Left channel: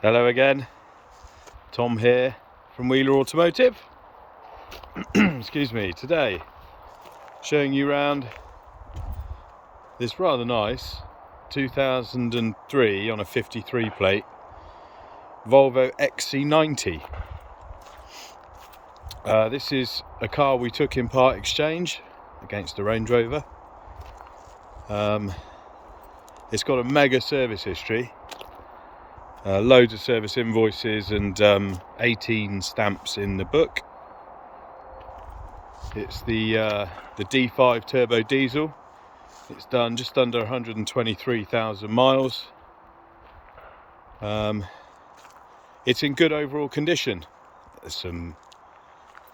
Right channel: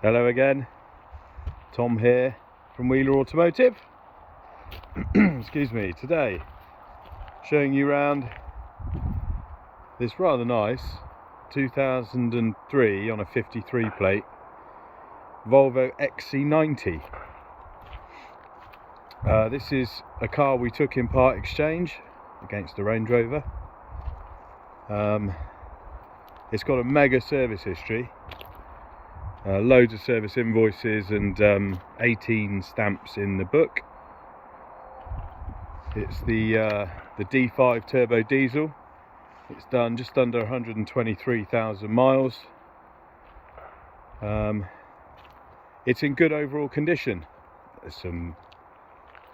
Hello again, Tom here from Wheeler Automotive. Excuse me. Today showing you around this rather nice 2003 on a 53 plate Volvo XC90. This is a car we took in part exchange against a Range Rover. It's got a mega service history. Loads of service invoices and 18 stamps in the book. It's the D5 turbo diesel. It's done just under 123,000 miles. It's in good overall condition. There's some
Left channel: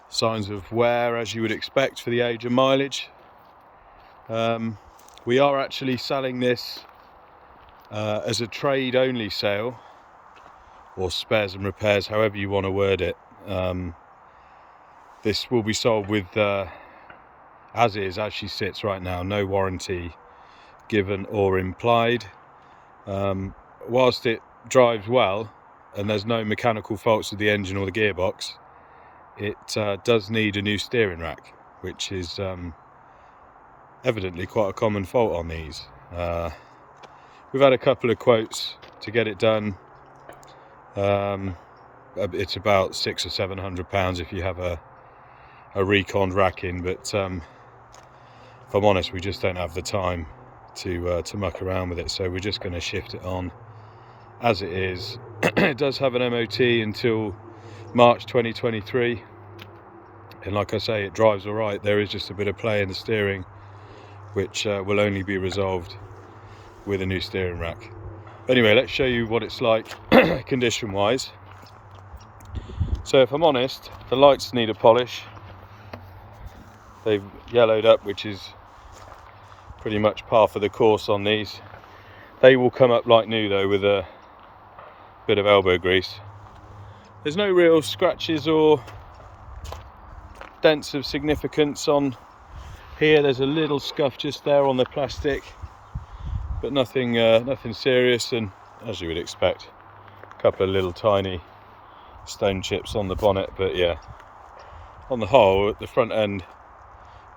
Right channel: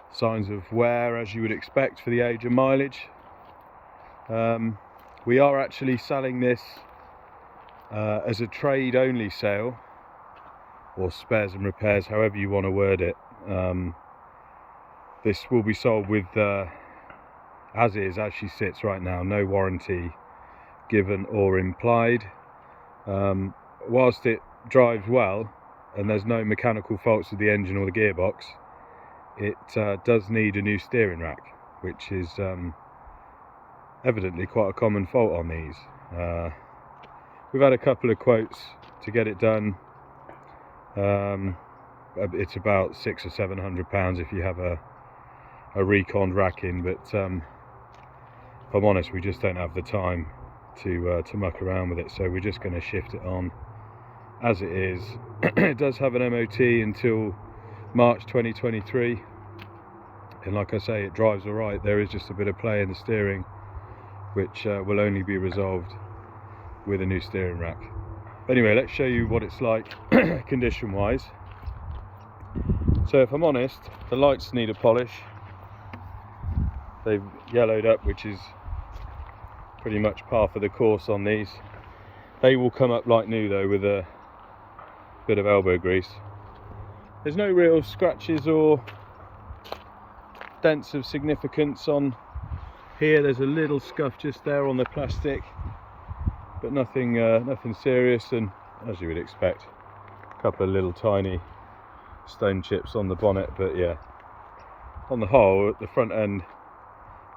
signs of wear, as you would expect for the age and mileage. We are actually selling this as a trade only sale, or spares and repairs, however you want to word it. This will be sold with as she sits right now, no warranty given or implied. Whilst it drives well and there's no mechanical faults with the engine or the gearbox, it does need a new steering rack, which is evidently quite a common fault on these. We've had a couple of quotes to get it done. It's about £600 or £700 if you have a reconned rack in, but if I'm honest, we just don't have the time to muck around with it, so we're just going to shift it on as it is. It does have an MOT until March 2023, and like I say, it drives alright. There is just a bit of play in the steering, which will only be resolved with a new steering rack. Anyway, let's show you what it's like condition wise. So if I'm honest, the lights need a polish. They've yellowed up, which is pretty much par for the course on these. They will come up like new though, with a bit of elbow grease. There's no real scratches or dents of significance on here. There's a little scuff just there on the plastic, but nothing serious, and as you would expect, a couple of little tiny stone chips on the bonnet. But yeah, on the whole, at the front end,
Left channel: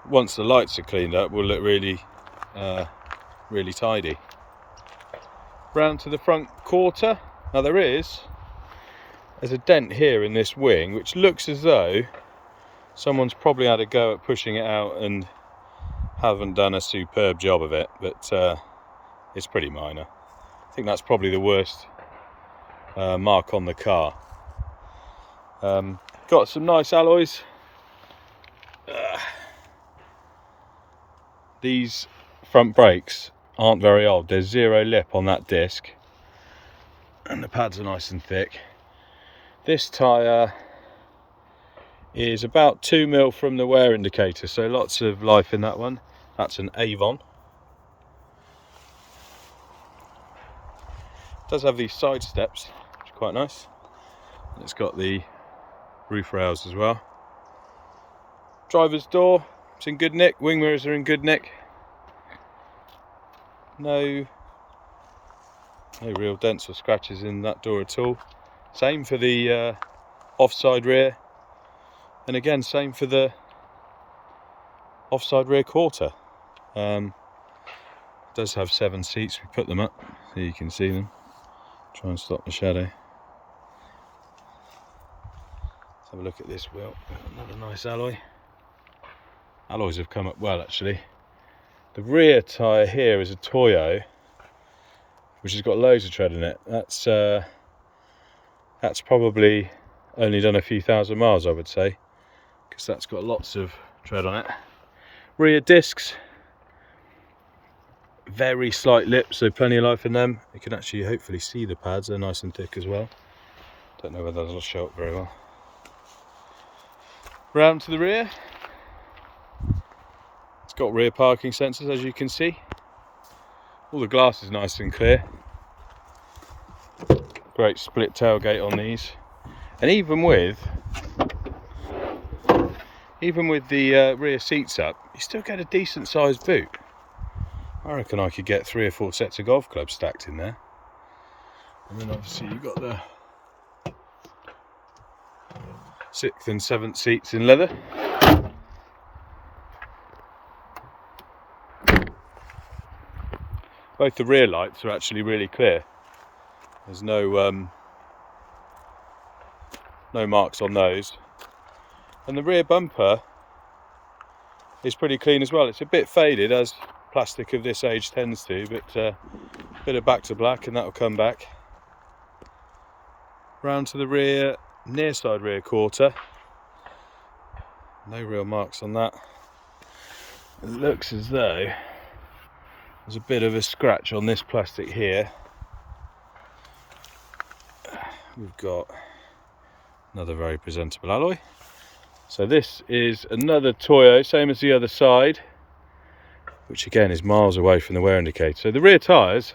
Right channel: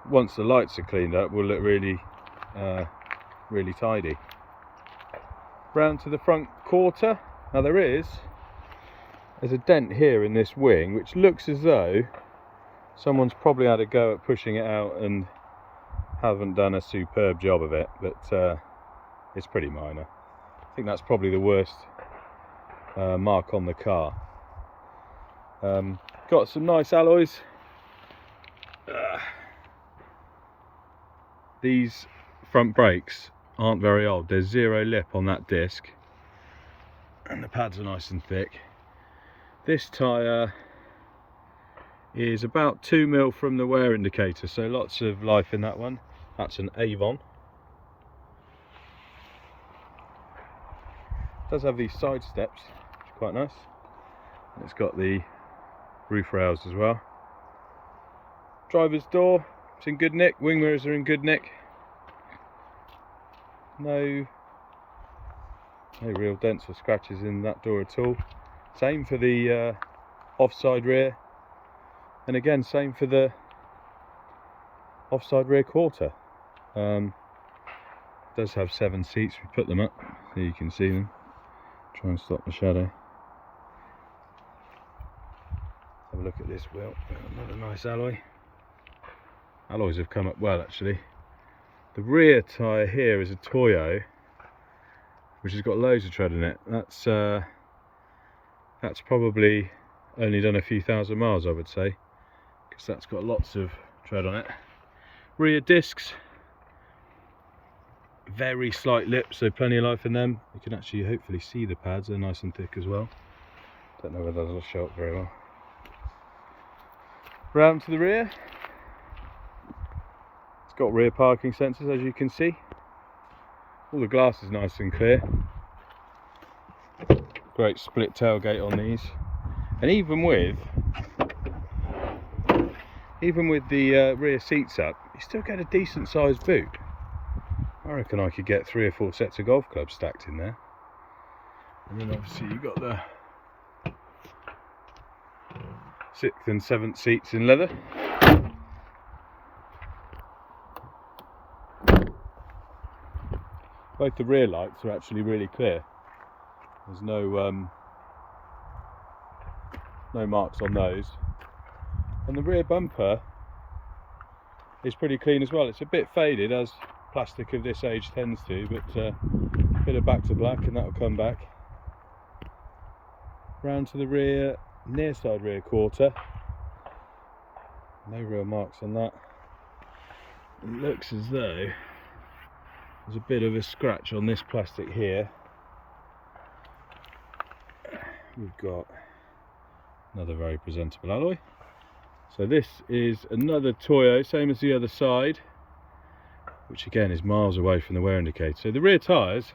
once the lights are cleaned up, will look really tidy. Round to the front quarter. Now there's a dent here in this wing, which looks as though someone's probably had a go at pushing it out and haven't done a superb job of it, but it's pretty minor. I think that's probably the worst mark on the car. Got some nice alloys. These front brakes aren't very old. There's zero lip on that disc, and the pads are nice and thick. This tyre is about 2 mil from the wear indicator, so lots of life in that one. That's an Avon. It does have these side steps, which are quite nice, and it's got the roof rails as well. Driver's door, it's in good nick. Wing mirrors are in good nick. No real dents or scratches in that door at all. Same for the offside rear, and again same for the offside rear quarter. It does have 7 seats. We put them up so you can see them. Try and stop the shadow. Let's have a look at this wheel. Another nice alloy. Alloys have come up well, actually. The rear tyre here is a Toyo, which has got loads of tread in it. That's probably only done a few thousand miles, I would say, because that's got lots of tread on it. Rear discs, very slight lips, so plenty of life in them. You can actually hopefully see the pads, they're nice and thick as well. Don't know whether they'll show up very well. Round to the rear. It's got rear parking sensors, as you can see. All the glass is nice and clear. Great split tailgate on these, and even with the rear seats up, you still get a decent sized boot. I reckon I could get 3 or 4 sets of golf clubs stacked in there. And then obviously you've got the 6th and 7th seats in leather. Both the rear lights are actually really clear. There's no marks on those. And the rear bumper is pretty clean as well. It's a bit faded, as plastic of this age tends to, but a bit of back to black and that'll come back. Round to the rear, near side rear quarter. No real marks on that. It looks as though there's a bit of a scratch on this plastic here. We've got another very presentable alloy. So this is another Toyo, same as the other side, which again is miles away from the wear indicator. So the rear tyres,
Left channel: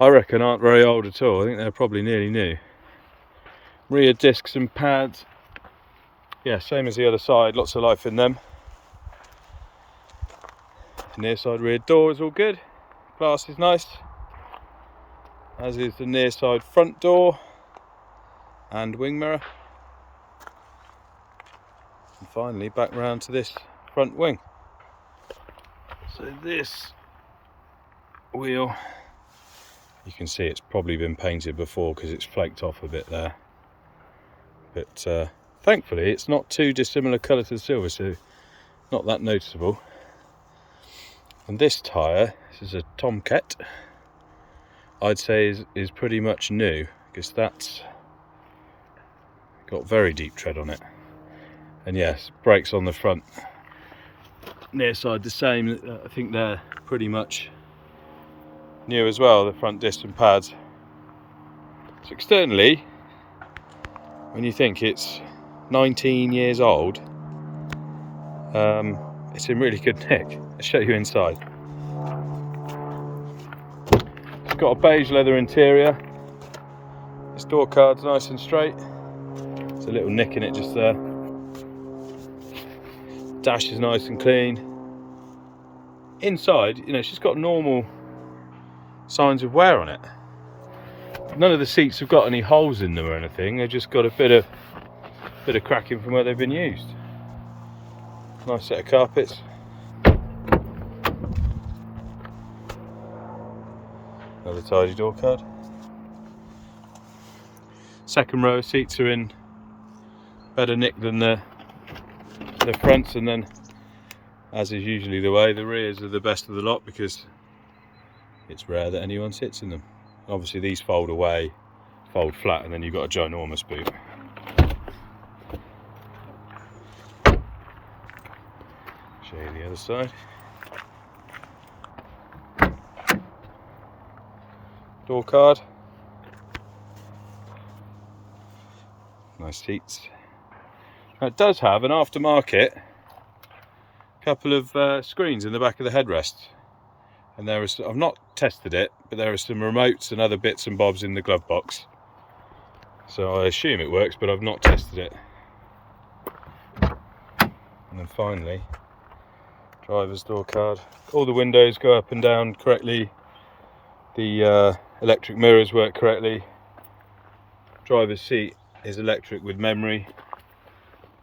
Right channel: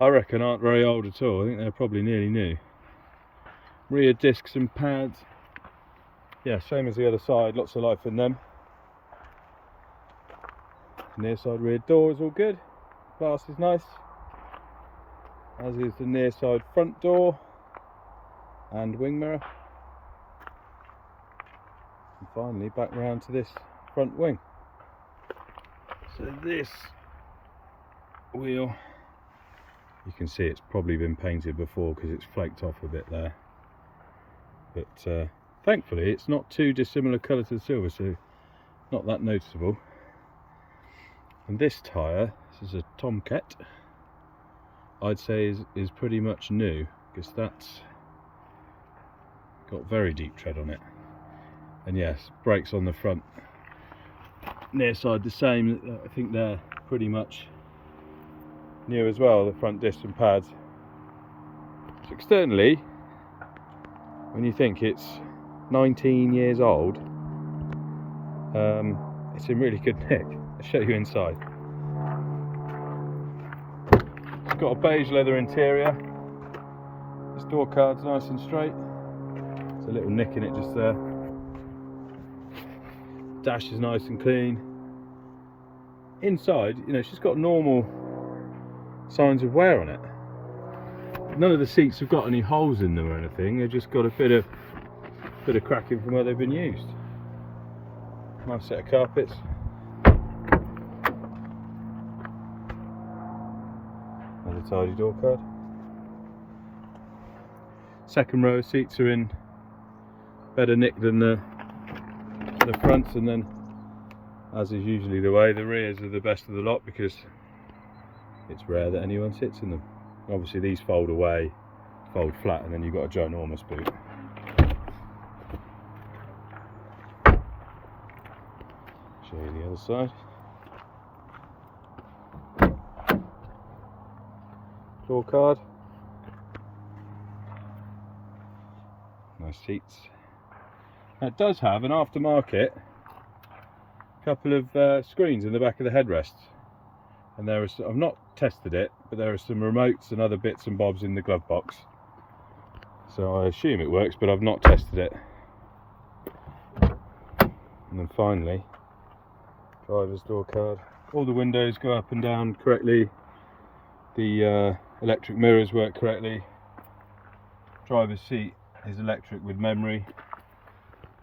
I reckon, aren't very old at all. I think they're probably nearly new. Rear discs and pads, yeah, same as the other side, lots of life in them. Near side rear door is all good, glass is nice, as is the near side front door and wing mirror. And finally back round to this front wing. So this wheel, you can see it's probably been painted before because it's flaked off a bit there, but thankfully it's not too dissimilar colour to the silver, so not that noticeable. And this tyre, this is a Tomcat, I'd say is pretty much new, because that's got very deep tread on it. And yes, brakes on the front, near side the same. I think they're pretty much new as well, the front disc and pads. So externally, when you think it's 19 years old, it's in really good nick. I'll show you inside. It's got a beige leather interior. This door card's nice and straight. There's a little nick in it just there. Dash is nice and clean. Inside, you know, she's got normal signs of wear on it. None of the seats have got any holes in them or anything. They've just got a bit of cracking from where they've been used. Nice set of carpets. Another tidy door card. Second row of seats are in better nick than the fronts, and then, as is usually the way, the rears are the best of the lot because it's rare that anyone sits in them. Obviously these fold away, fold flat, and then you've got a ginormous boot. Show you the other side. Door card. Nice seats. Now it does have an aftermarket couple of screens in the back of the headrest, and there is, I've not tested it, but there are some remotes and other bits and bobs in the glove box, so I assume it works, but I've not tested it. And then finally, driver's door card. All the windows go up and down correctly, the electric mirrors work correctly, driver's seat is electric with memory,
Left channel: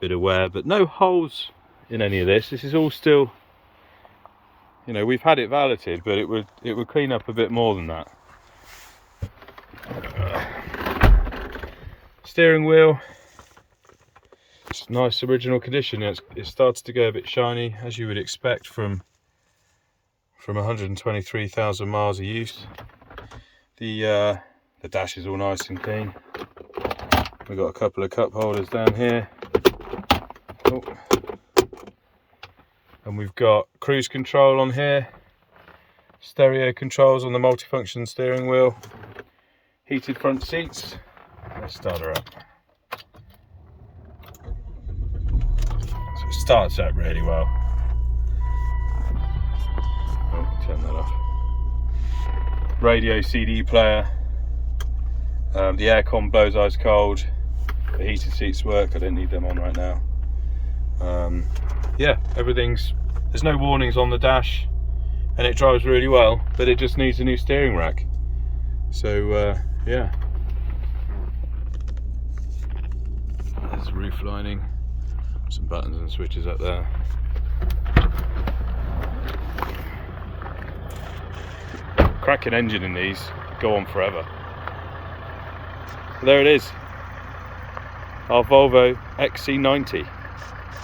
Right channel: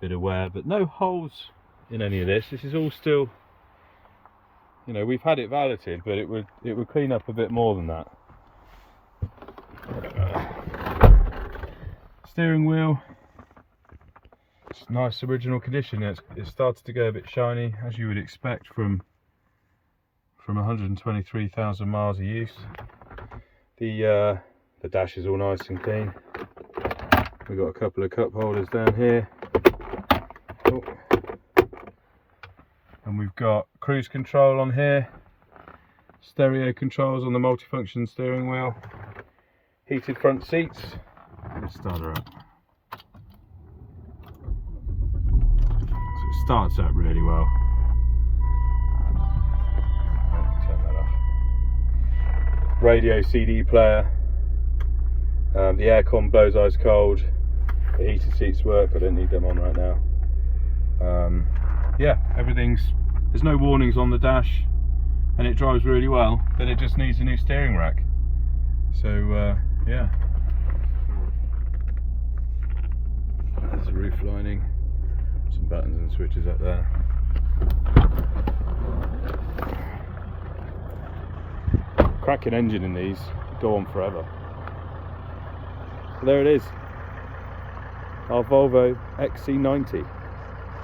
bit of wear, but no holes in any of this. This is all still, you know, we've had it valeted, but it would clean up a bit more than that. Steering wheel, it's nice original condition. It started to go a bit shiny, as you would expect from 123,000 miles of use. The dash is all nice and clean. We've got a couple of cup holders down here. Oh. And we've got cruise control on here, stereo controls on the multifunction steering wheel, heated front seats. Let's start her up. So it starts up really well. Oh, turn that off. Radio CD player. The aircon blows ice cold. The heated seats work. I don't need them on right now. Yeah, there's no warnings on the dash, and it drives really well, but it just needs a new steering rack. So yeah, there's a roof roof lining, some buttons and switches up there. Cracking engine in these, go on forever. But there it is, our Volvo XC90.